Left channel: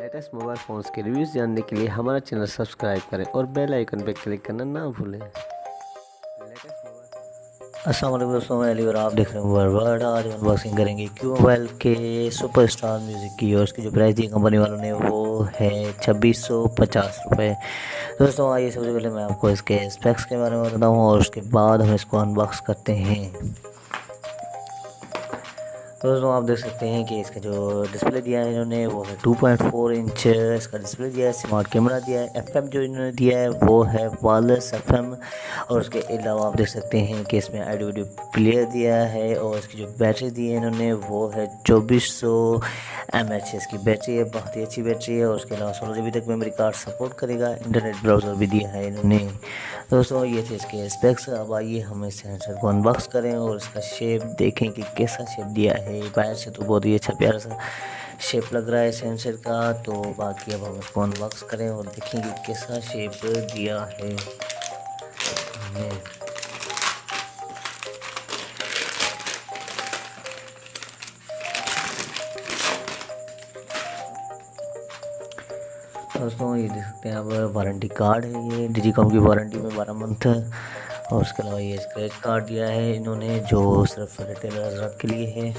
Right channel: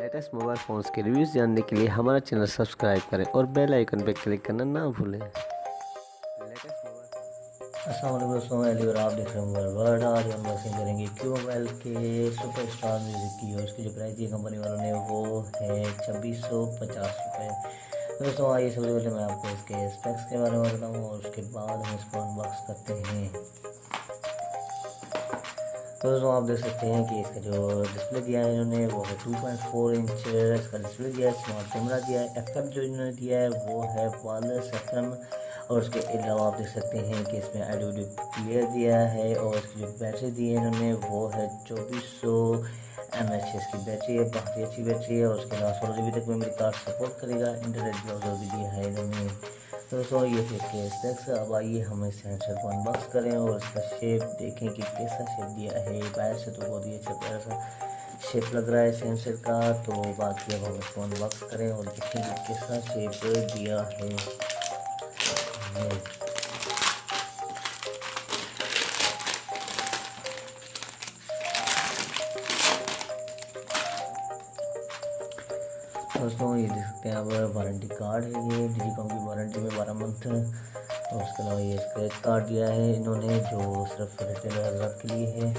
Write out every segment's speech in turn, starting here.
Latest mobile phones के reviews जानने के लिए हमारा चैनल सब्सक्राइब करें और बेल आइकन पर क्लिक करना ना भूलें। अस्सलाम वालेकुम दोस्तों, मैं अली और आप देख रहे हैं मोबाइल वर्ल्ड। आज अनबॉक्सिंग करेंगे क्यू मोबाइल के सुपरस्टार म्यूज़िक की, और इसकी जो प्राइस दी कंपनी वालों ने वो है 2650 रुपये। दोस्तों आइए सबसे पहले मैं आपको इसके स्पेक्स के बारे में बताऊँ और उसके बाद हम इसको अनबॉक्स करते हैं। तो दोस्तों आप देख सकते हैं कि इसका जो डिस्प्ले दिया है इन्होंने वो है 2.4 इंच इसका डिस्प्ले दिया है। स्मार्ट कैमरा दिया है। एफएम जो इन्होंने दिया है वो है वायरलेस एफएम, और उसके अलावा आप देख सकते हैं कि इसमें ऑडियो वीडियो प्लेयर दिया है। और इसकी जो बैटरी दी है इन्होंने वो है 2400 mAh इसकी बैटरी है, बहुत ही अच्छी बैटरी है। और उसके अलावा 16 GB तक मेमोरी कार्ड सपोर्ट करेगा। इंटरनेट ब्राउज़र भी दिया है इन्होंने। दोस्तों ये थे इसके स्पेक्स। अब आइए हम इस सेंसर को अनबॉक्स करें और इसका शेप देखें कि कैसा शेप दिया है। बाहर से तो बहुत ही अच्छा प्यारा सा शेप लग रहा है सेंसर का, तो बाकी अब हम इसको अनबॉक्स करें और देखेंगे कैसा शेप दिया है। दोस्तों ये देख सकते हैं आप, वारंटी कार्ड है ये, डिजिकॉम की वारंटी में 12 मंथ है। और उसके अलावा ये स्क्रैच कार्ड दिया है इन्होंने जो सिर्फ रिटेलर के लिए है।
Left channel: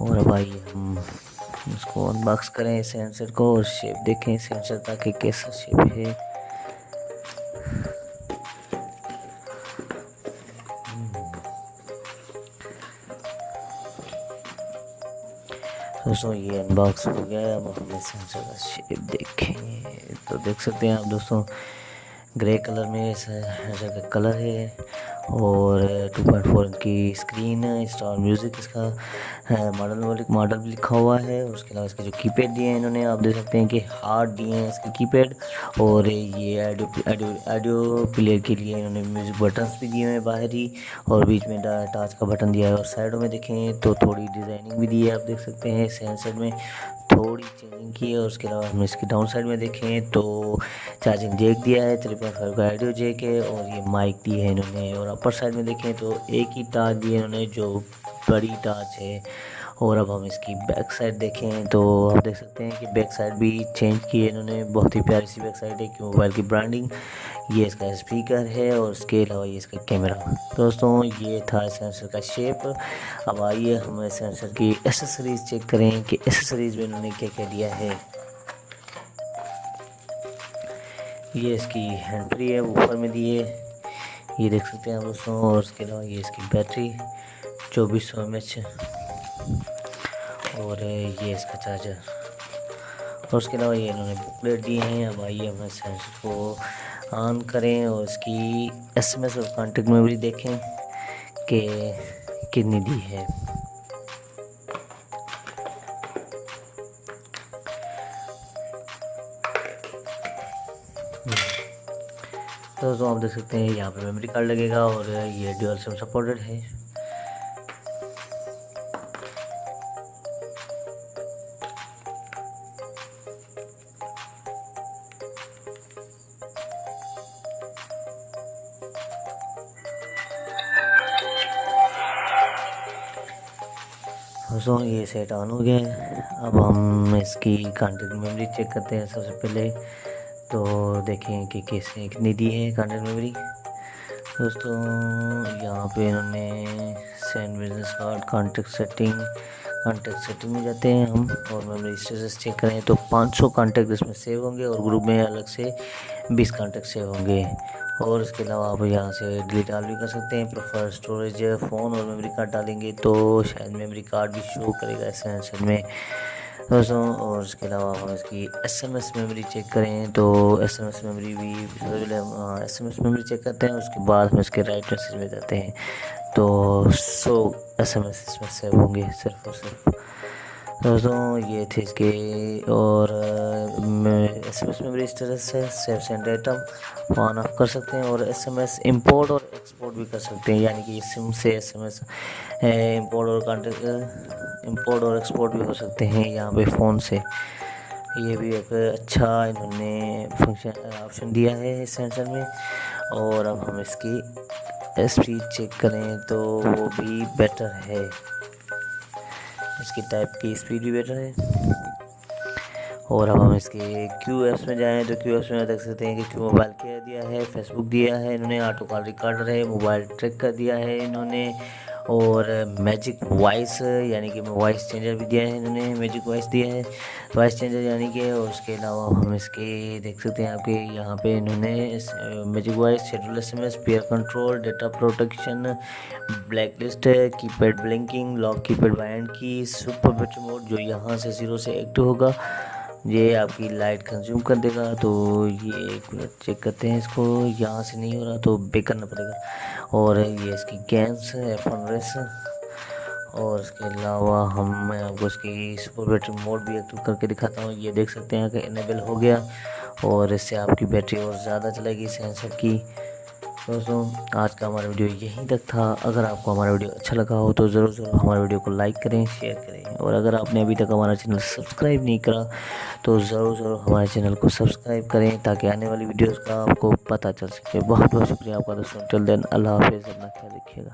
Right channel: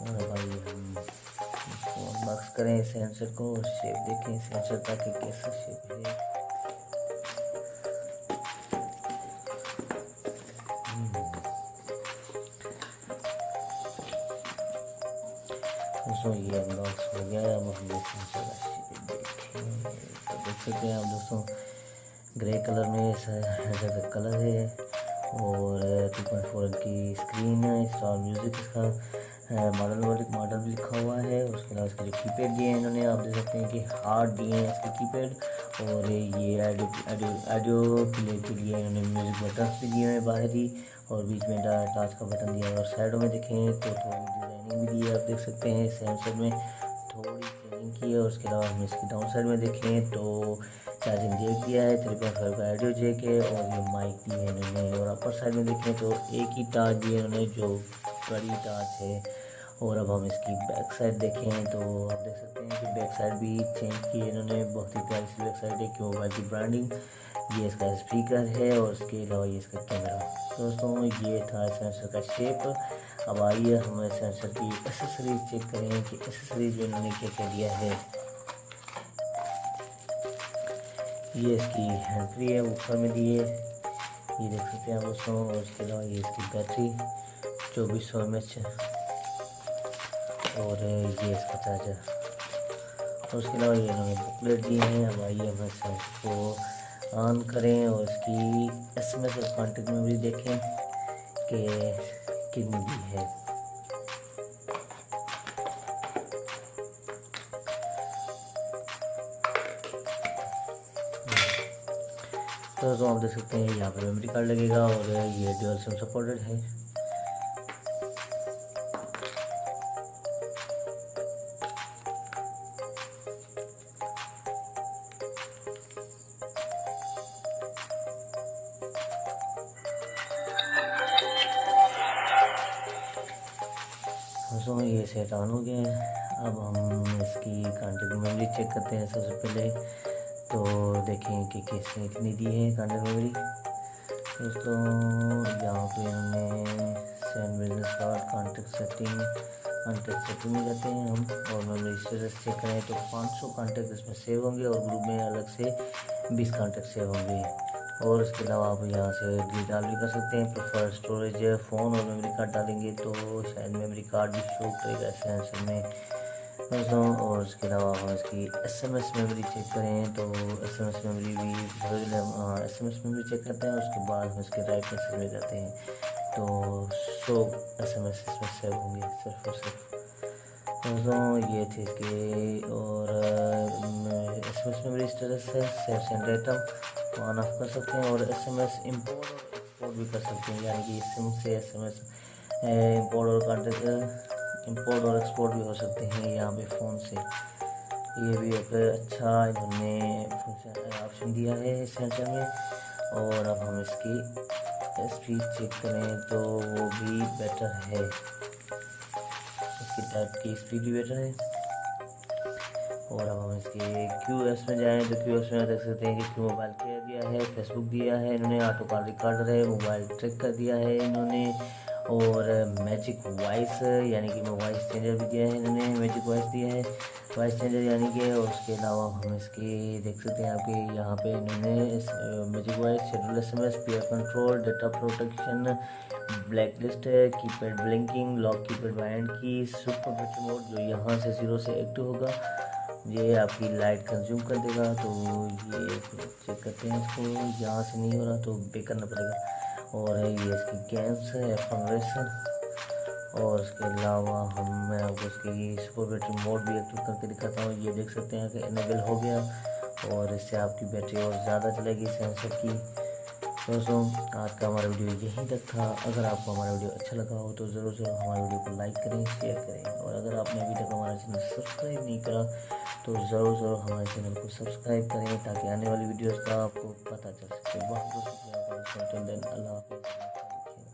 और अब आइए हम इसको अनबॉक्स करें सेंसर को और शेप देखें सेंसर का कि कैसा शेप है। दोस्तों ये अनबॉक्स हो गया है। अब ये सेंसर का शेप देखें तो देख सकते हैं आप दोस्तों, ग्रे कलर में ऐसा का कलर है। और 2.4 की स्क्रीन है। स्टार म्यूज़िक इसका मॉडल भी लिखा हुआ है। उसके अलावा इसके जो कीपैड दिए हैं इन्होंने आप देख सकते हैं कि हार्ड दिए हैं इसके कीपैड। और ये ऑडियो प्लेयर के लिए इन्होंने म्यूज़िक बटन्स भी दिए हुए हैं बाहर ही, और बीच में टच का बटन दिया है। और साइडों में देखें तो थोड़ी डिज़ाइनिंग भी दी है, आप देख सकते हैं सेंसर में थोड़ी चेंजिंग की है। और उसके अलावा हम इसकी डाउन साइड में देखें तो चार्जिंग जैक दिया है, 3.5 का ऑडियो जैक है, और ये माइक दी है इन्होंने। और अपर साइड में देखें तो एक ही टाच दी है इन्होंने जो बड़ी टाच है। और अब हम इसकी बैक साइड देखें तो आप देख सकते हैं कि बैक साइड भी चेंज की है इन्होंने, बहुत ही प्यारी सी बैक साइड है क्यों मोबाइल की ब्रांडिंग। ये इसका स्पीकर है और उसके अलावा ये इसका कैमरा। दोस्तों ये था सेंसर का शेप। अब आइए हम सेंसर की एसेसरीज चेक करें कि एसेसरीज में इन्होंने क्या क्या दिया है। ये इसकी हैंड फ्री है, ऊपर में दी है, ये देख सकते हैं दोस्तों। और उसके अलावा ये इसकी बैटरी 2400 mAh, और ये इसका चार्जर। और उसके अलावा ये इन्होंने बुकलेट दी है। अब आइए हम सेंसर को ऑन करें और इसकी SMS और कॉन्टेक्ट मेमोरी देखें कि कितनी दी है। तो आप देख सकते हैं यहाँ पर मेमोरी कार्ड लगेगा और ये ड्यूअल सिम सपोर्टेड है। दोस्तों ये सेट ऑन हो गया है। अब हम इसकी कॉन्टेक्ट मेमोरी चेक करते हैं। सबसे पहले तो देखें कि कैसे कितनी दी है कॉन्टेक्ट मेमोरी। दोस्तों यहाँ पे इन्होंने send business card, contact setting में जाते हैं हम, और मेमोरी स्टेटस चेक करें तो 500 कॉन्टेक्ट इसमें सेव होंगे और ग्रुप में अलग से 20 कॉन्टेक्ट सेव होंगे। और इसके अलावा आप यहाँ से डिलीट भी कर सकते हैं। प्रेफर स्टोरेज फ़ोन और मेमोरी कार्ड डालेंगे तो शायद मेमोरी कार्ड भी शो करेगा सेंसर में दोस्तों। और उसके अलावा हम इसकी SMS मेमोरी चेक करें तो SMS मेमोरी भी SMS मेमोरी चेक करते हैं। उसके बाद हम इसके राइट मैसेज में जाते हैं तो 100 SMS इसमें सेव होंगे सिर्फ और सिर्फ। दोस्तों ये थे इसके। और SMS मेमोरी स्टेटस है save send item on off कर सकते हैं। और SMS इंपोर्ट और एक्सपोर्ट भी कर सकते हैं, यानी कि सिम से SMS इंपोर्ट और एक्सपोर्ट भी हो सकते हैं यहाँ पे फ़ोन से। ये भी एक अच्छा इन्होंने ऑप्शन दिया है इस सेंसर में। और अब हम इसकी स्पीड चेक करें तो वो भी बेटर है, इसकी टाइप की स्पीड भी बेटर है। और अब हम इसके QS में जाएँ तो QS में देख सकते हैं कि क्यू मोबाइल केयर दिया है, फेसबुक दिया है इन्होंने, ऑटो कॉल रिकॉर्डर है, मोबाइल ट्रैक कर दिया है इन्होंने, और मैजिक वॉइस यानी कि वॉइस चेंजर भी दिया है इन्होंने, मैजिक वॉइस दिया है, वॉइस चेंजर यानी कि। और उसके अलावा हम इसके देख सकते हैं आपके यहाँ पे इन्होंने magic voice, schedule SMS, pair control, data protection, black list, keypad blinking, lock keypad bind की, सुपर बैटरी मोड जो यहाँ से 0 से एक्टिव होगा, ये आपकी लाइट कंज्यूम कर देगा। तो ये एक मिनट चेक करते हैं इसको, यहाँ से नहीं हो रहा तो बेक करना पड़ेगा। और ये इसकी गेम्स F1 रेस, और इसके अलावा हम मैं आपको इसकी सुपर बैटरी मोड भी एक्टिव करके दिखाता हूँ। ये देख सकते हैं कि इनेबल हो गया और इससे आपकी बैटरी और ज़्यादा चलेगी सेंसर की। दोस्तों आज का हमारा वीडियो यहीं तक था। अगर आपको हमारा वीडियो अच्छा लगा हो तो ज़रूर हमारे वीडियो को लाइक करें, शेयर करें, और अगर आपने अभी तक हमारा चैनल सब्सक्राइब नहीं करा तो ज़रूर हमारे चैनल को सब्सक्राइब करें ताकि आने वाली वीडियोस का आपको पता चल सके। बहुत बहुत शुक्रिया आपका दोस्तों। टिल देन अल्लाह हाफिज़, अपना ख्याल रखिएगा।